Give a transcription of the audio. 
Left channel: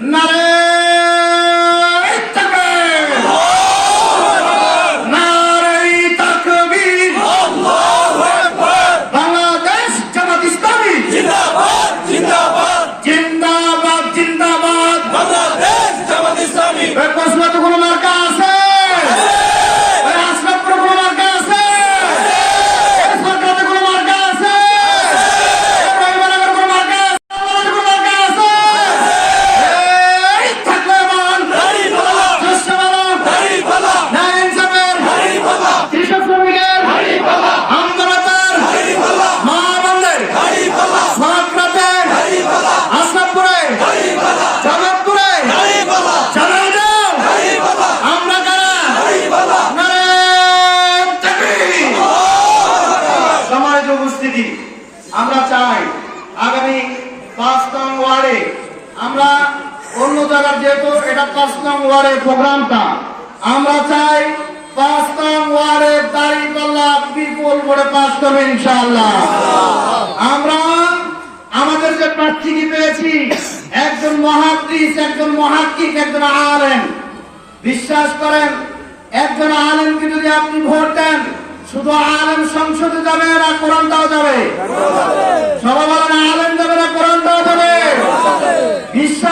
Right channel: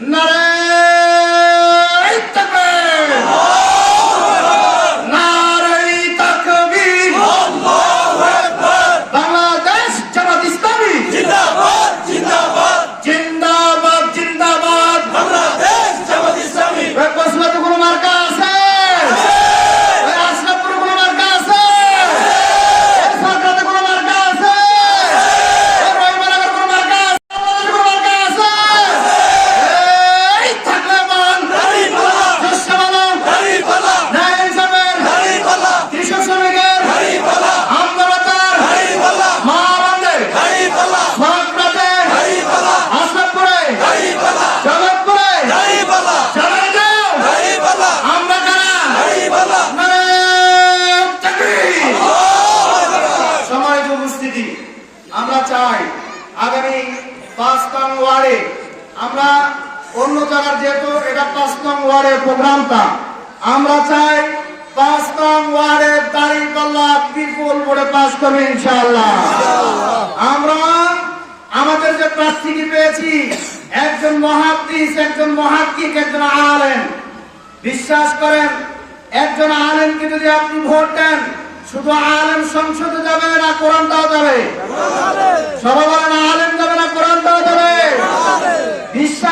No. সম্মানিত উপস্থিতি আমরা চাই। আগামী পাঁচ নং ওয়ার্ডে আমরা অন্য জায়গার যেহেতু এটা পাঁচ নং ওয়ার্ডের প্রোগ্রামটা, আমরা চাই পাঁচ নং ওয়ার্ডের দাড়ি পাল্লা বিপুল ভোটে পাস করবে ইনশাআল্লাহ। আমরা আমাদের যে প্রার্থীকে পেয়েছি, একজন মহাদ্দিস একজন মহাকিক একজন আলেম। বিশ্বাস করেন, একজন আলেমকে যদি আপনি ভোট দেন শুধু আলেম সংসদে যাবে না কোরআন তাও যাবে? সবাই আলেম যাবে না কোরআন তাও যাবে? বিশ্ব